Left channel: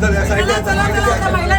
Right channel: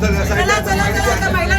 चला चला चला महिला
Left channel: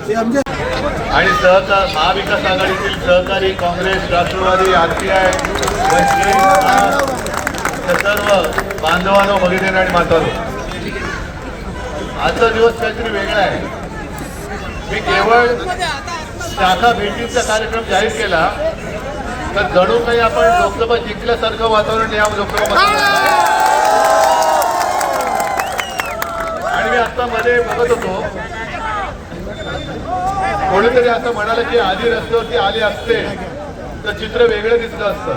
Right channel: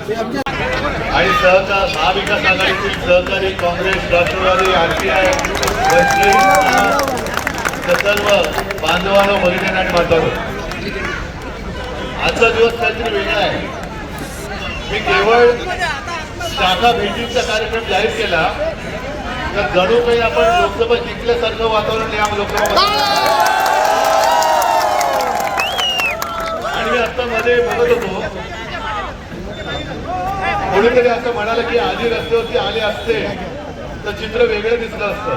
आणि सहकार महाविकास आघाडीतील सहकारी काँग्रेस राष्ट्रवादी आरपीआय सर्व बांधवांना भगिनी आणि म्हातारो आजचा दिवस काहीतरी वेगळा आहे. मी केवळ शाखा भेटीचा कार्यक्रम जाहीर केला तर जणू काही आपण लोकसभा जिंकल्यासारखं वातावरण या लोकसभा आणि आता मध्ये बोलत होतो कोणीतरी असं म्हणालं की आधी रस्त्यावरती आले असते तर चित्र वेगळं दिसलं असतं.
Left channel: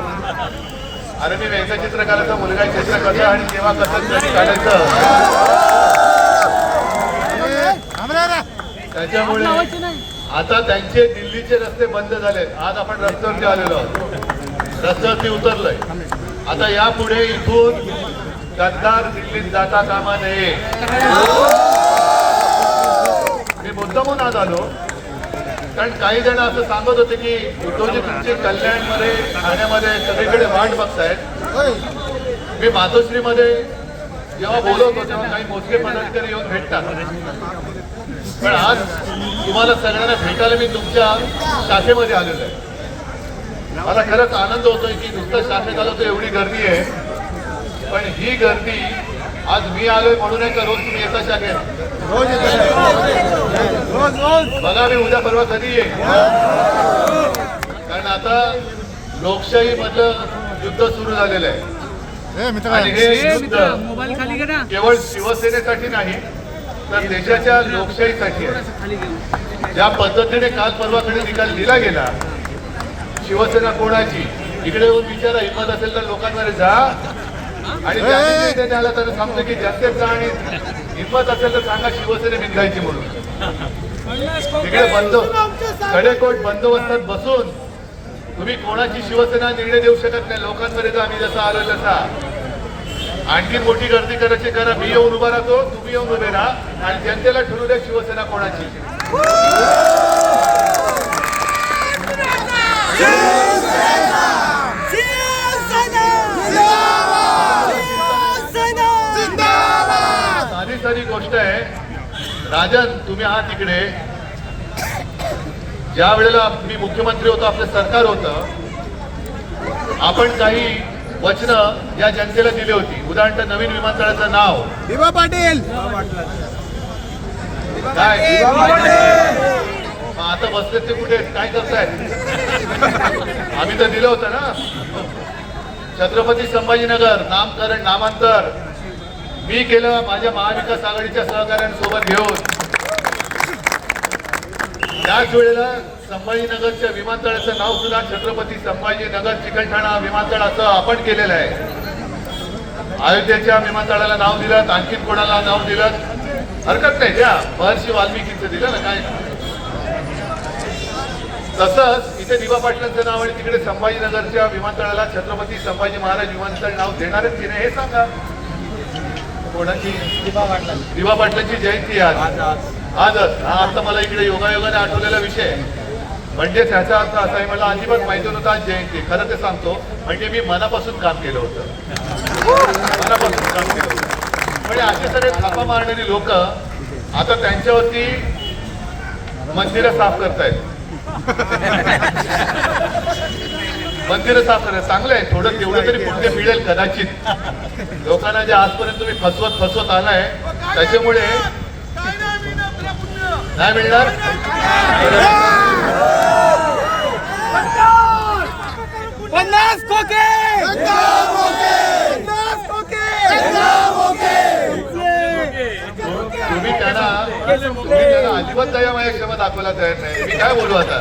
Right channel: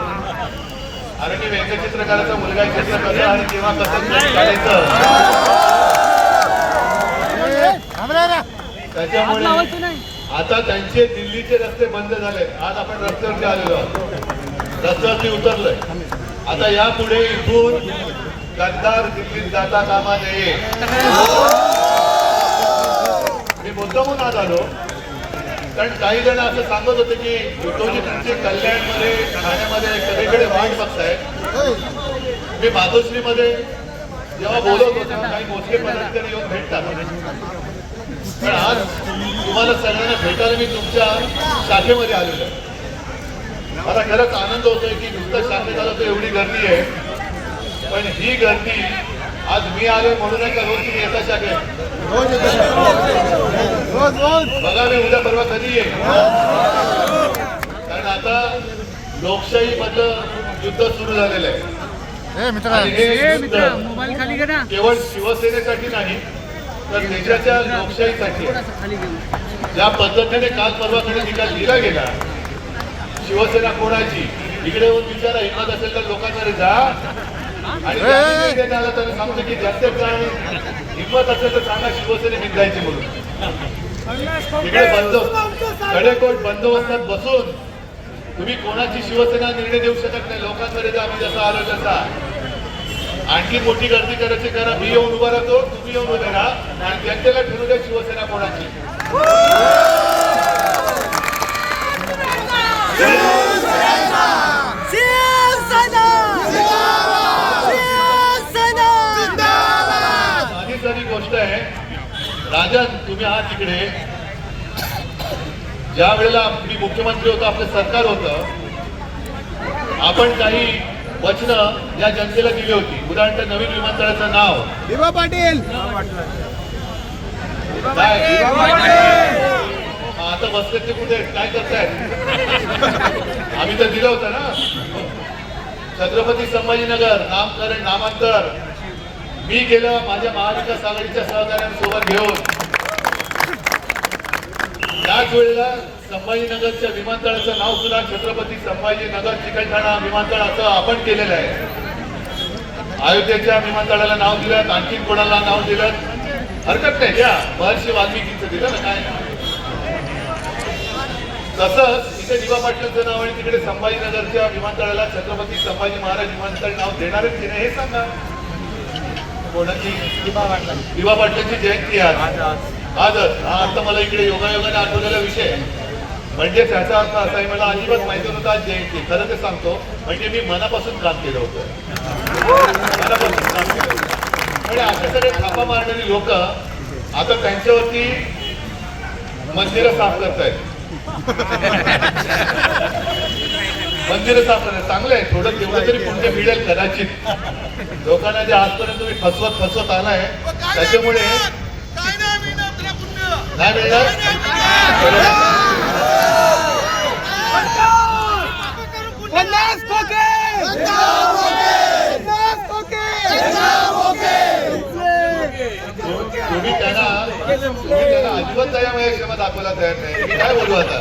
अरे मी व्यंगचित्रकाराचा मुलगा आहे, चित्र कसं आणि तेव्हा कसं काढायचं. त्याच्यामुळे आता त्यांचे दिल्लीचे रस्ते बंद झालेत. आज आपण रस्त्यावरती आलेलो आहोत. रस्त्यावरती उतरलोय. आता यापुढे इथून गद्दार दिल्लीत जाता कामा नये मी मुद्दामून आज आलो. कारण काही जण असं सांगत होते की उद्योजकांचे कल्याणमध्ये ठाण्यामध्ये सगळीकडे वाट बघतायत. मी मातोश्रीमध्ये जेव्हा बोलवतो तेव्हा काही मुस्लिम पदाधिकारी येऊन भेटतात. पण आज तुम्हाला सगळ्यांना भेटायला मी तुमच्या शाखेमध्ये आलेलो आहे. मला खरंच आनंद होतोय की नुसतं शाखेत आलो तर एवढी गर्दी आहे. पण ही गर्दी आज मी आलोय म्हणून आहे का रोज तुम्ही येता शाखेत. बघा मी उद्या परवा कधी येईल कारण आता लोकशाही मधलं युद्ध सुरू झालेलं आहे. हे युद्ध मोबाईल खाली करा केवळ शिवसेनेसाठी नाही तर देशाच्या लोकशाहीसाठी आहे. ज्या पद्धतीने काल परवाकडे निकाल दिला गेला शिवसेना कोणाची? इकडे येऊन विचारा हिंमत असेल तर लोकांकडे जा. आणि द्यायला तर सांगतो की जास्त जाणे हिंमत असेल तर सांगा शिवसेने निघायची म्हणून. इकडे बंद कडेकोट बंदोबस्तात बसून तुम्ही कोणाची शिवसेना निर्णय देऊ शकत नाही? लोकांकडे जा आम्ही जसा आलो तसा. आणखी मोठी गर्दी करायची कारण मी येऊन उभा राहतो तुम्ही येऊन उभे राहा. आणि जनतेला ठरवू द्या शिवसेना कोणाची. साधी साधी गोष्ट आहे राजन तुम्ही आहात तिकडे ज्या वेळेला मी मुख्यमंत्री होतो आपलं सरकार होतं आपण काही वचनं या जनतेला दिली होती. उदाहरण नवीन विमानतळाचं नाव. दिवा पाटील! काय? आता बसले ते कुठे काय करतायत? आम्ही तर दिलं होतं ना. छत्रपती संभाजीनगर नामकरण नामांतर. मी केलं माझ्या महाविकास आघाडीच्या सहकार्यांसोबत घेऊन. त्याच वेळेला संभाजीनगरच्या विमानतळाचं नाव सुद्धा छत्रपती संभाजीनगर चिकलठाणा विमानतळ असं आपण केलेलं आहे. अयोध्येच्या विमानतळाला नाव दिलं आणखीन कोणाला नाव दिलं? हरकत नाही द्या. महर्षी वाल्मिकीचं दिलं ना काय? तसंच इथे दिवा पाटलांचं नाव आणि तिकडे संभाजीनगरच्या विमानतळाला छत्रपती संभाजी महाराज विमानतळ नाव देणारच की नाही हे सांगा. कोणाची? दिवा पाटलांची. जयंती आज. आजच हा आता मला इकडे योगायोगाने आठवलेला विषय आहे. म्हणजे त्याचा अर्थ असा आहे मला अजिबात माहिती नव्हतं आज जयंती. खरं ते सांगतो म्हणजे मी मनापासून काम केलं होतं. मनापासून काम केलं होतं. म्हणजे असे सगळे थापा मारणारी लोक आता त्यांच्यावरती मंदिरं साफ करतायत. मंदिरं साफ करत चांगलं आहे थोडं तेवढं तरी पुण्य मिळेल कदाचित. लोकांना जे आजपर्यंत तुम्ही फसवत फसवत आलाय त्याच्यामुळे नाही मिळणार? पन्नास खोके! पन्नास खोके तुम्ही त्यांना तुम्ही त्यांना अजिबात त्याच्या माझ्या क्षमा दाखवायला तयार नाही मी काय बोलू आता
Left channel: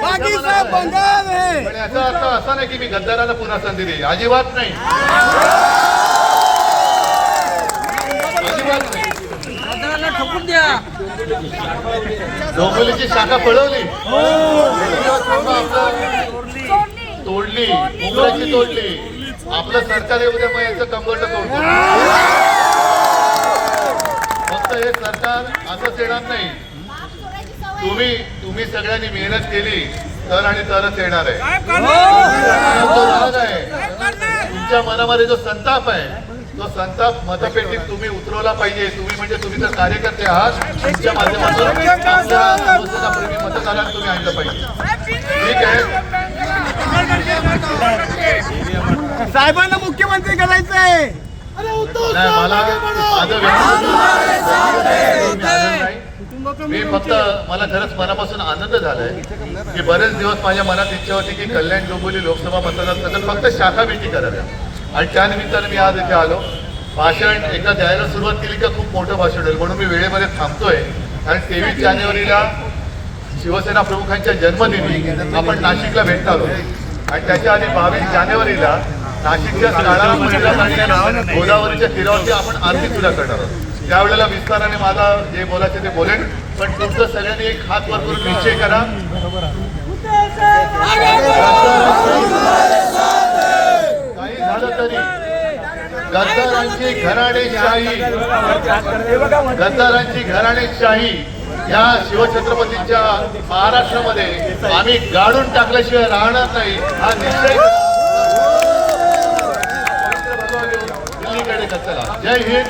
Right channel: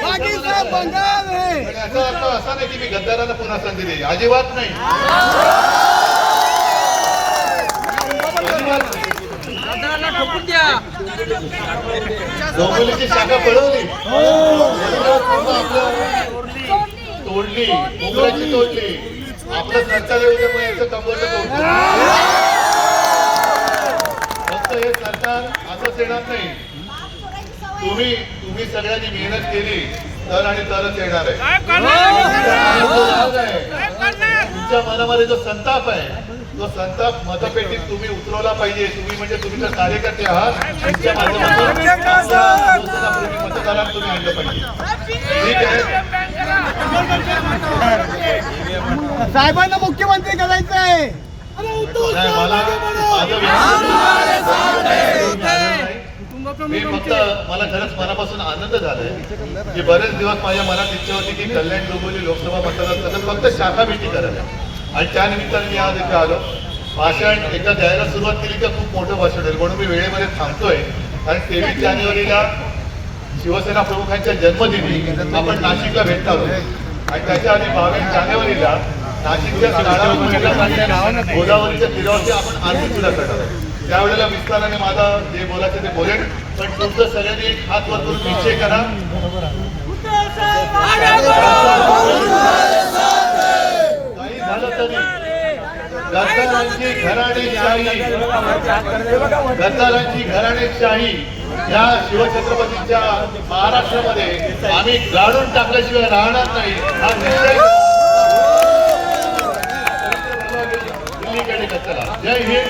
बाकी सब बंगाल है। पण याचा अर्थ असा नाही की मी गद्दाराला पुन्हा संधी देईल. अजिबात नाही अजिबात नाही डोंबिवलीची शाखा पळवली तोडली. मुंबईची तोडली. आपलं सरकार दे मग याचं कंबरला तोडलं फक्त हे सरकार असंच येणार नाही. तुम्ही तुम्ही सगळ्यांनी मेहनत केली तर आणि तरच येणार आहे. तुमच्या मनामध्ये जो संताप आहे तो संताप मतपेटीत तुम्ही उतरवला पाहिजे. तुम्ही म्हणजे तुम्ही तर कार्यकर्ते आहात. तुमच्या माध्यमातून मतदारांना तुम्ही आणलं पाहिजे. ठीक आहे? साहेबांना मुख्यमंत्री करायचं आहे मी फक्त मला खरंच मनापासून आनंद झालाय की बरेच दिवस माझ्या मनात इच्छा होती की कल्याण डोंबिवली लोकसभा मतदारसंघात फक्त शाखा भेटी कराव्या. आणि त्यानिमित्ताने मी आज इथे आलो. भाषण एकदा द्यायला सुरुवात केली का खूप मोठं भाषण होईल. म्हणून मी वेळेमध्ये थांबतोय. कारण तेवीस जानेवारीला शिवसेना प्रमुखांच्या जन्मदिनी आपण नाशिकला भेटणार आहोत आणि त्याच्या आधी बावीस जानेवारीला नाशिकच्या गोदावरीच्या तीरावरती आपण आरती सुद्धा करणार आहोत. त्यावेळेला विस्ताराने माझा जे बोलायचं ते बोलेन. पण तुमचं सगळ्यांनी एक हात वाचून निश्चय करा काही झालं तरी गद्दारांची घराणेशाही गद्दारांची घराणेशाही या शिवछत्रपतींच्या महाराष्ट्रामध्ये आम्ही गाडून टाकल्याशिवाय राहणार नाही. हा निश्चय. दिल्लीकडे जय हिंद.